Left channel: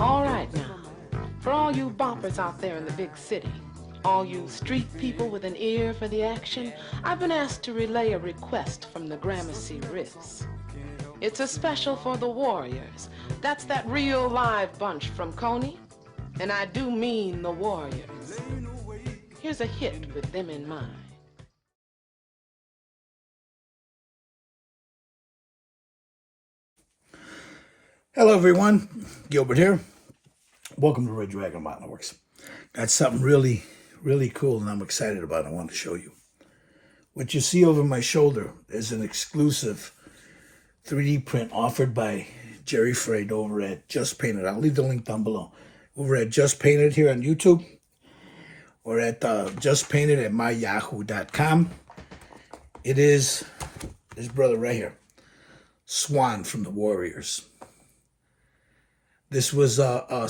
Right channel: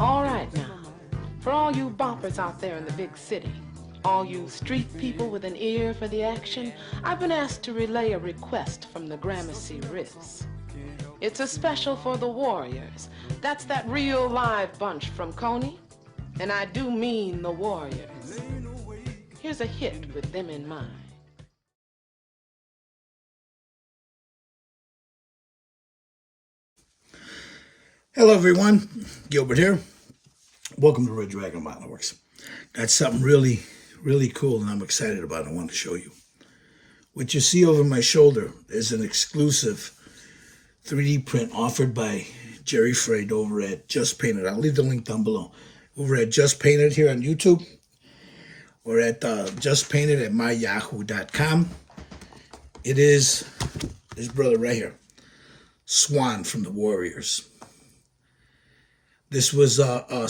All right now, for all you boppers out there in the big city, all you street people with an ear for the action, I've been asked to relay a request from the Gramercy Riffs. It's a special for the Warriors. That's that real live bunch from Coney. And I do mean the Warriors. Here's a hit with them in mind. Hello everyone, Gilbert here. Welcome to Red Dragon Mountain Works. Got something really cool and I'm excited about. I want to show you. What you see over my shoulder is an exclusive 3D print offered by Jerry Freyd over at Just Painted. I'll leave the link down below. Over at Just Painted here on YouTube or at Just Painted at myyahoo.com. It is his brother right here, Swan from the Warriors. This was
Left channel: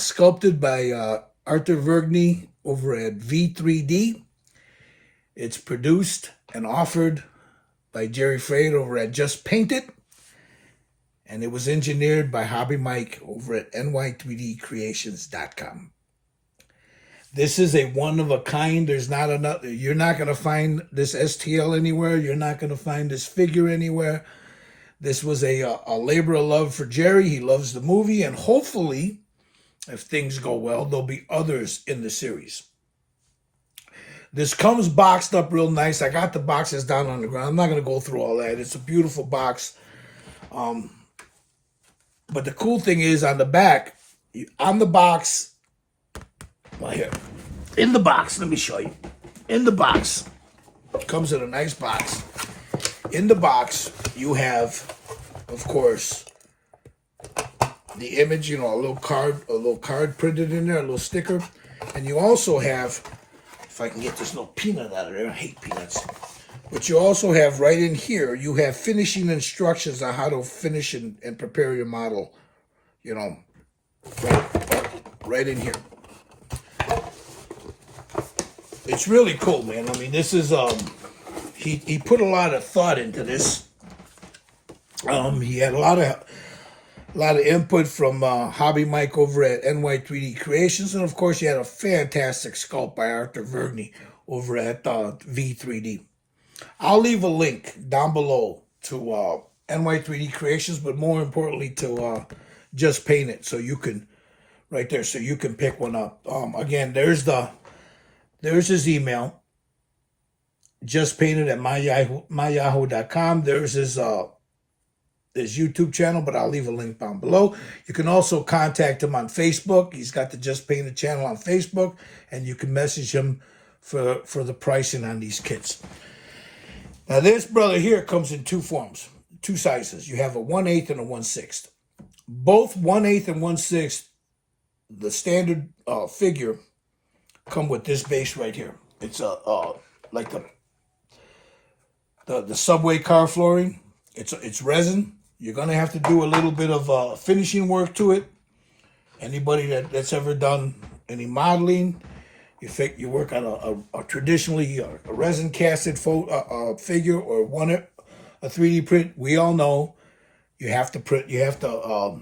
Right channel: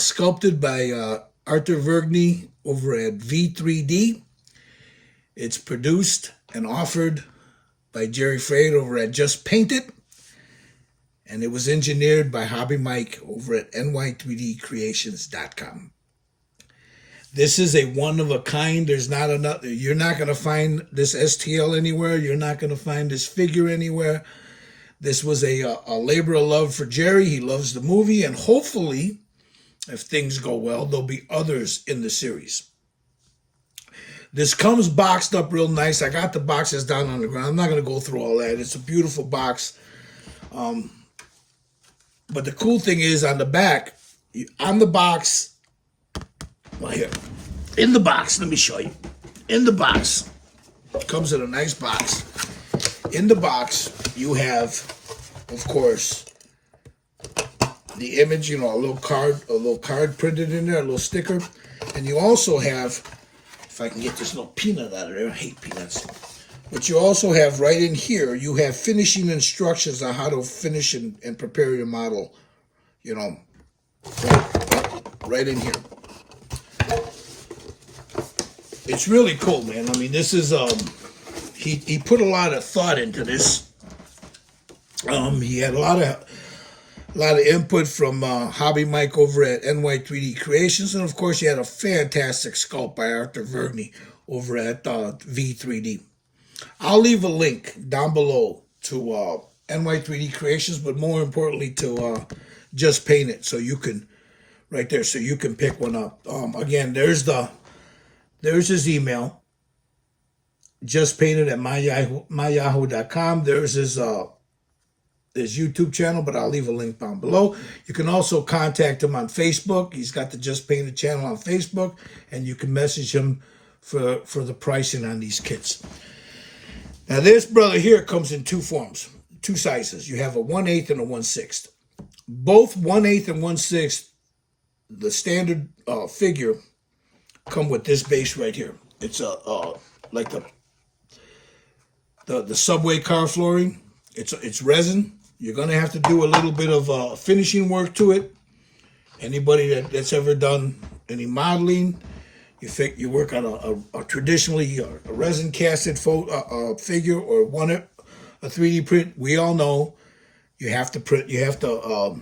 sculpted by Arthur Vergney over at V3D. It's produced and offered by Jerry Freyd over at Just Painted. And it was engineered by Hobby Mike over at ny3dcreations.com. This is a one-of-a-kind. There's not another. You're not going to find this STL anywhere. You're not going to find this figure anywhere. This was a labor of love for Jerry. He loves the movie, and hopefully, if things go well, there'll be others in the series. This comes boxed up real nice. I got the boxes down on the ground. I'm not going to go through all that. It's a beautiful box. But the cool thing is on the back, on the box, well here, in the box, let me show you. In the box, it comes in a nice box. In the box, you have, of course, the image, a little card printed in there, a little sticker. And you also have, if I can get this little peanut out of there, I hate peanuts. But you also have right in here, you have finishing instructions on how to finish and prepare your model, right in here. It's really cool, man. I mean, this is, he put a lot of thought into this. He had a lot of input from Hobby Mike over at NY3D Creations. And, of course, he had a fantastic sculpt by Arthur Vergney over at V3D. I'll leave a link down below to NY3D Creations, but more importantly to Just Paint It, so you can, right there, so you can pick one up. Again, there's his email, justpainted at myyahoo.com. There's his YouTube channel, but I'll leave a link down below. You can also contact him on Facebook. He's got the Just Painted channel on Facebook, and you can message him for the pricing on these kits. Now, this brother here comes in two forms, two sizes. You have a 1/8 and a 1/6. Both 1/8 and 1/6, the standard figure, come with this base right here. It's like the subway car flooring. It's resin. You're gonna have to do a little bit of finishing work to it. Anybody that's ever done any modeling, you work on a traditionally a resin casted figure or a 3D print. We all know you have to print. You have to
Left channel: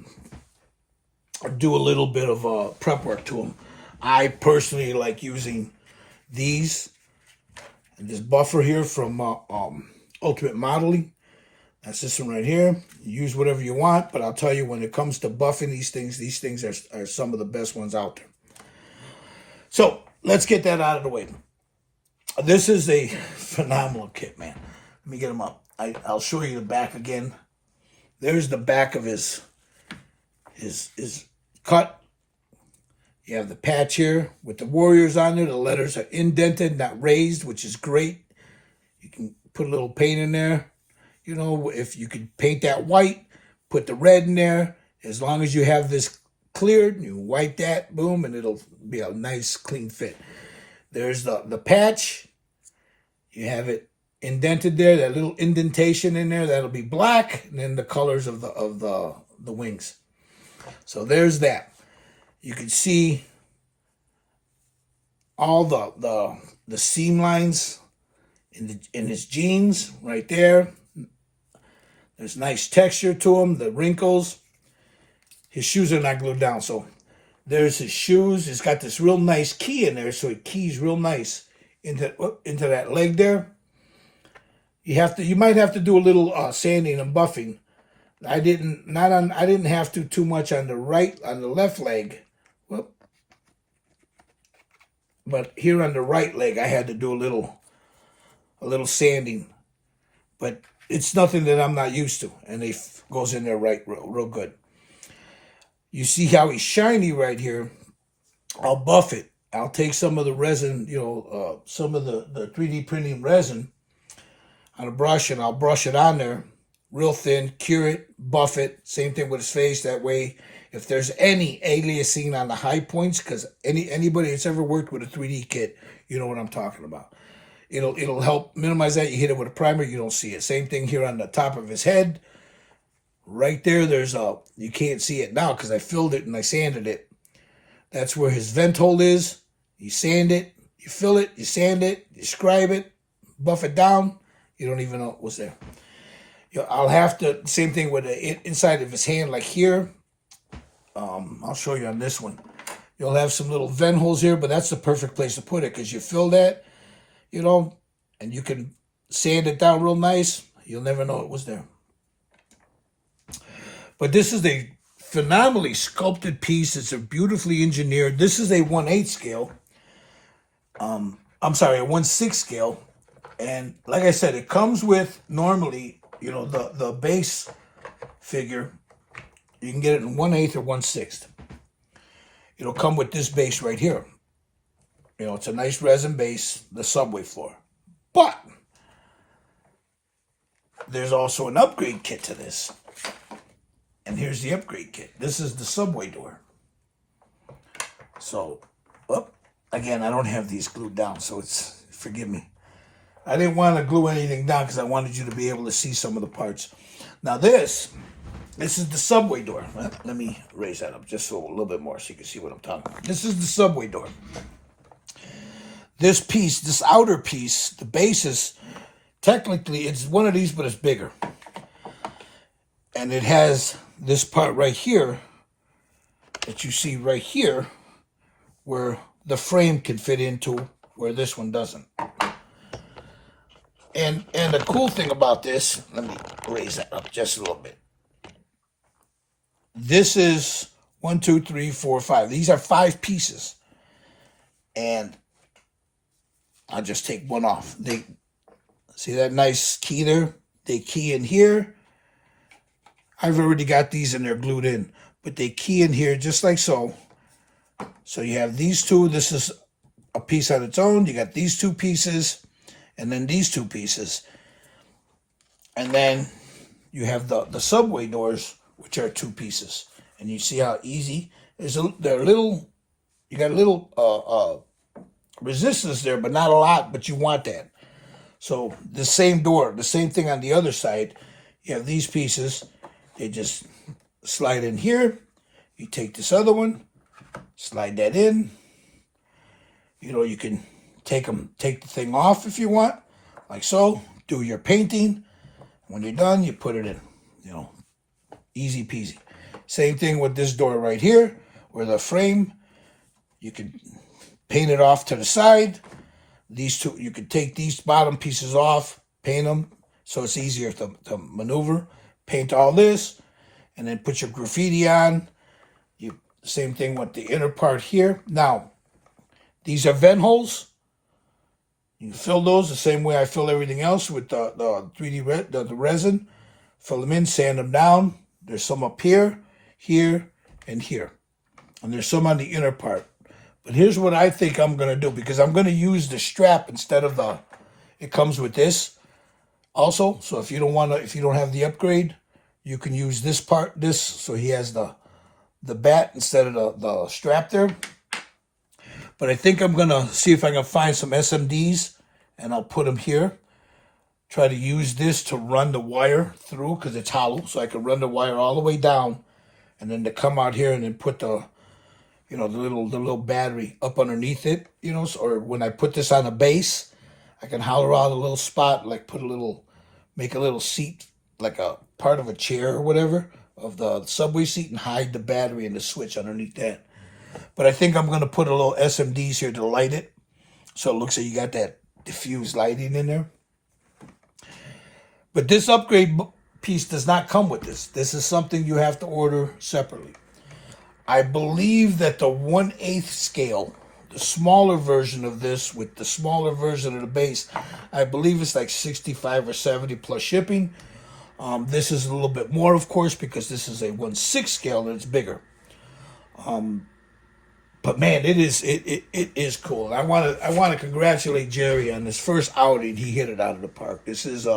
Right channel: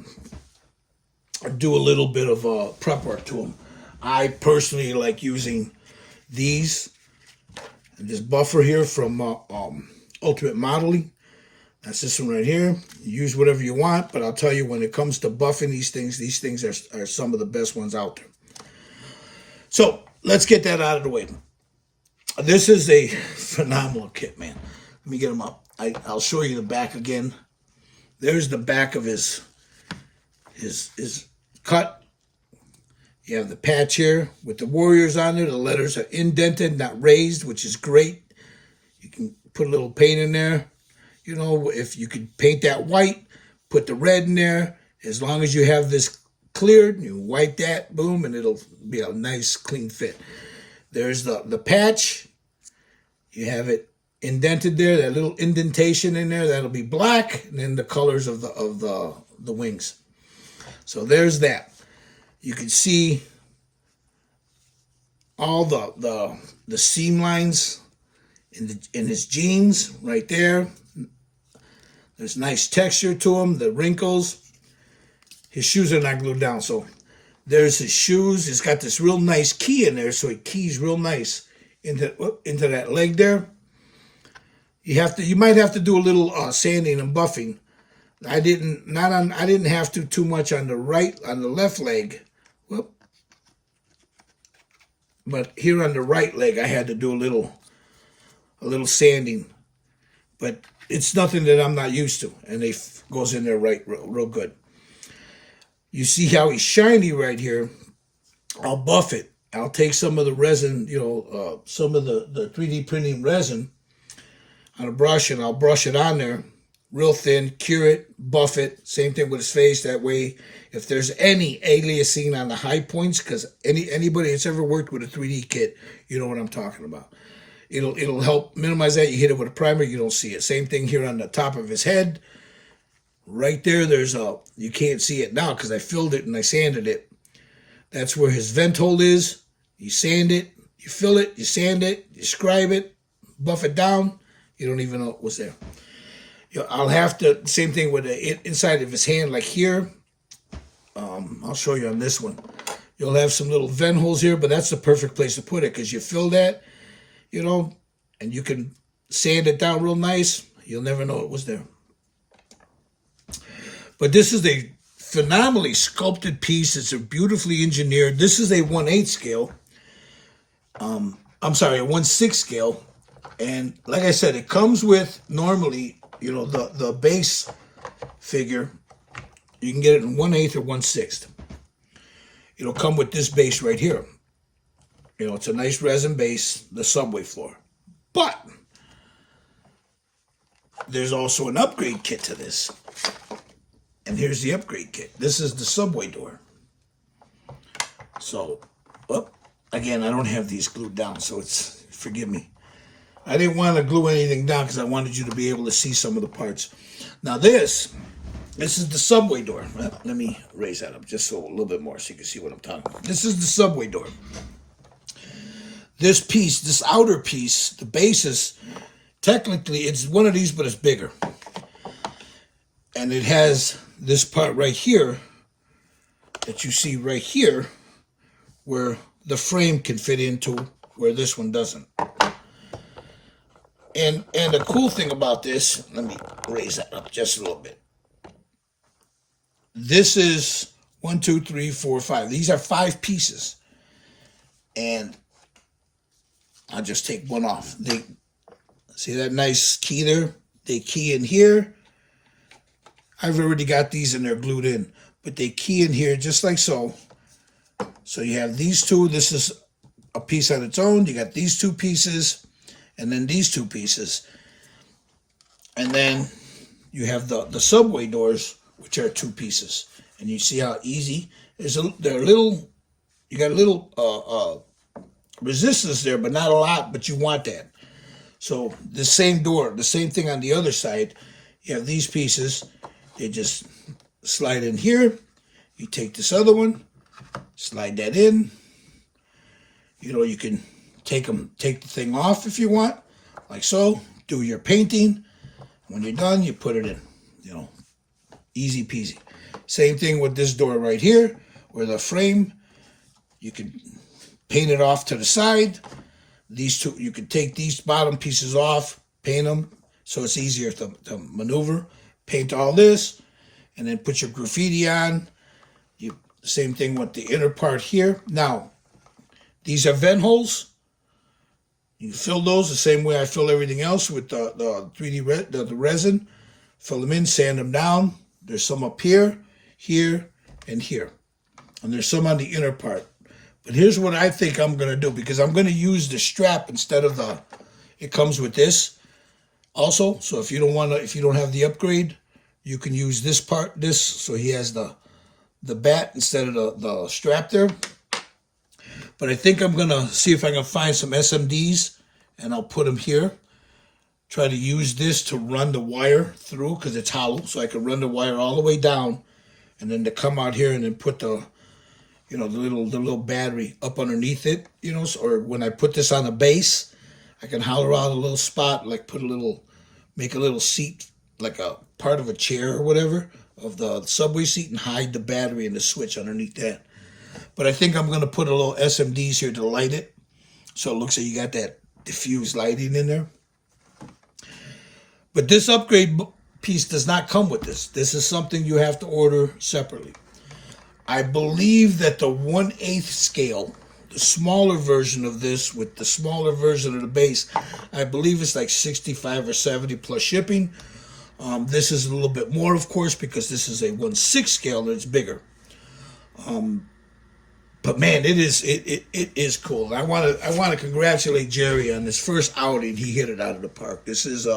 do a little bit of prep work to them. I personally like using these. This buffer here from Ultimate Modeling. That's this one right here. You use whatever you want, but I'll tell you, when it comes to buffing these things are some of the best ones out there. So let's get that out of the way. This is a phenomenal kit, man. Let me get them up. I'll show you the back again. There's the back of his cut. You have the patch here with the Warriors on there. The letters are indented, not raised, which is great. You can put a little paint in there. If you can paint that white, put the red in there. As long as you have this cleared, you wipe that, boom, and it'll be a nice, clean fit. There's the patch. You have it indented there, that little indentation in there. That'll be black, and then the colors of the wings. So there's that. You can see all the seam lines in his jeans right there. There's nice texture to them, the wrinkles. His shoes are not glued down, so There's his shoes. It's got this real nice key in there, so it keys real nice into that leg there. You might have to do a little sanding and buffing. I didn't have to too much on the left leg. Whoop. But here on the right leg, I had to do a little sanding. But it's nothing that I'm not used to, and it goes in there real good. You see how he's shiny right here? I'll buff it. I'll take some of the resin, some of the 3D printing resin on a brush, and I'll brush it on there real thin, cure it, buff it. Same thing with his face. That way, if there's any aliasing on the high points, because anybody that's ever worked with a 3D kit, you know what I'm talking about. It'll help minimize that. You hit it with a primer, you don't see it. Same thing here on the top of his head. Right there, you can't see it now because I filled it and I sanded it. That's where his vent hole is. You sand it, you fill it, you sand it, you scribe it, buff it down. You don't even know what's there. I'll have to, same thing with the inside of his hand, like here. I'll show you on this one. You'll have some little vent holes here, but that's the perfect place to put it because you fill that, and you can sand it down real nice. You'll never know it was there. But this is a phenomenally sculpted piece. It's a beautifully engineered. This is a 1/8 scale. I'm sorry, a 1/6 scale. And like I said, it comes with normally, the base figure. You can get it in 1/8 or 1/6. It'll come with this base right here. It's a nice resin base, the subway floor. But there's also an upgrade kit to this. And here's the upgrade kit. This is the subway door. So, again, I don't have these glued down, so forgive me. I didn't want to glue anything down because I wanted you to be able to see some of the parts. Now this is the subway door. Well, let me raise that up just a little bit more so you can see what I'm talking about. This is the subway door. This piece, this outer piece, the base is, technically, it's one of these, but it's bigger. And it has this part right here that you see right here where the frame can fit into where this one doesn't. And the cool thing about this, let me raise that up just a little bit. This is 1, 2, 3, 4, 5. These are 5 pieces. And I'll just take one off. See that nice key there? They key in here. I've already got these and they're glued in. But they key in here just like so. So you have these two. This is a piece on its own. You got these 2 pieces. And then these 2 pieces. And then you have the subway doors, which are 2 pieces. And you see how easy. You got a little resistance there, but not a lot, but you want that. So the same door, the same thing on the other side. You have these pieces. They just slide in here. You take this other one, slide that in. You can take the thing off if you want, like so. Do your painting. When you're done, you put it in. Easy peasy. Same thing with this door right here, where the frame, you can paint it off to the side. These two, you can take these bottom pieces off, paint them, so it's easier to maneuver. Paint all this, and then put your graffiti on. Same thing with the inner part here. Now, these are vent holes. You fill those the same way I fill everything else with the 3D the resin. Fill them in, sand them down. There's some up here, here, and here. And there's some on the inner part. But here's what I think I'm going to do, because I'm going to use the strap instead of it comes with this also. So if you don't have the upgrade, you can use this part, so he has the bat instead of the strap there. But I think I'm going to see if I can find some SMDs, and I'll put them here. Try to use this to run the wire through, because it's hollow, so I can run the wire all the way down, and then to come out here and then put the little battery up underneath it, or when I put this on the base, I can hollow out a little spot, like make a little seat, like a part of a chair or whatever, of the subway seat, and hide the battery and the switch underneath that. But I think I'm going to put a little SMDs here to light it. So it looks like you got that diffused lighting in there. But this upgrade piece does not come with this. This is something you have to order separately. I believe that the 1/8 scale, the smaller version of this with the smaller version of the base, I believe it's like 65 or 70 plus shipping. This is a little bit more, of course, because this is a 1/6 scale and it's bigger. But man, it is cool. I want to congratulate Jerry on his first outing. He hit it out of the park. This is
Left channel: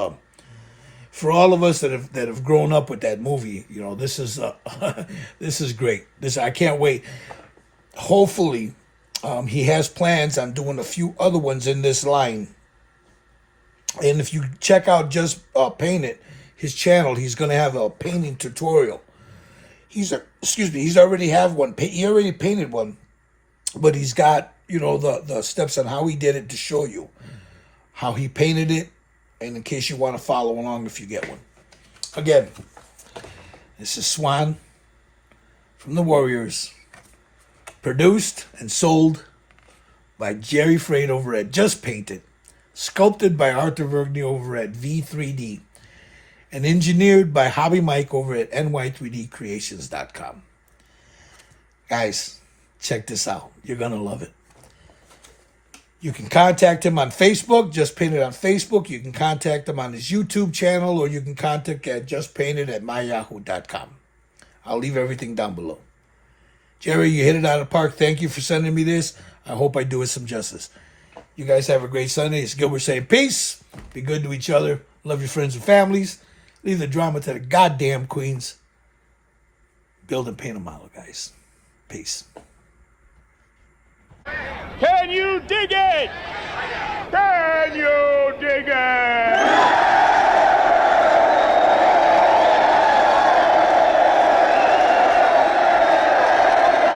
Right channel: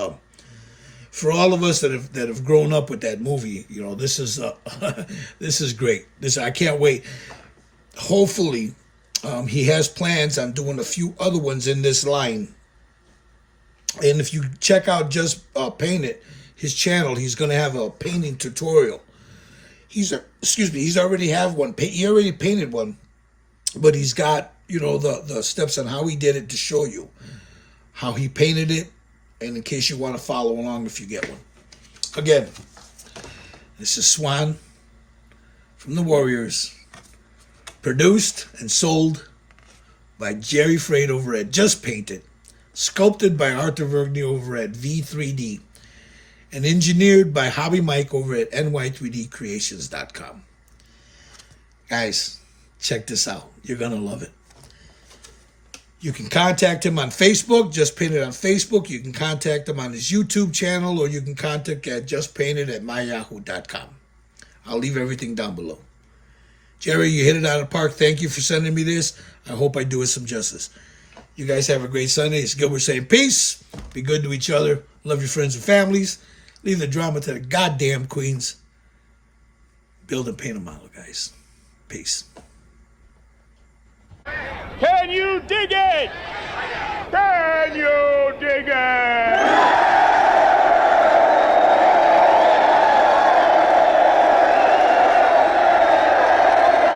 for all of us that have grown up with that movie. You know, this is this is great. I can't wait. Hopefully, he has plans on doing a few other ones in this line. And if you check out Just Paint It, his channel, he's going to have a painting tutorial. He's already have one. He already painted one. But he's got, you know, the steps on how he did it to show you how he painted it, and in case you want to follow along if you get one. Again, this is Swan from the Warriors, produced and sold by Jerry Freight over at Just Paint It, sculpted by Arthur Vergney over at V3D, and engineered by Hobby Mike over at ny3dcreations.com. Guys, check this out. You're going to love it. You can contact him on Facebook. Just Paint It on Facebook. You can contact him on his YouTube channel, or you can contact at justpainted@myyahoo.com. I'll leave everything down below. Jerry, you hit it out of the park. Thank you for sending me this. I hope I do it some justice. You guys have a great Sunday. It's Gilbert saying peace. Be good to each other. Love your friends and families. Leave the drama to the goddamn queens. Build and paint a model, guys. Peace. Can you dig it?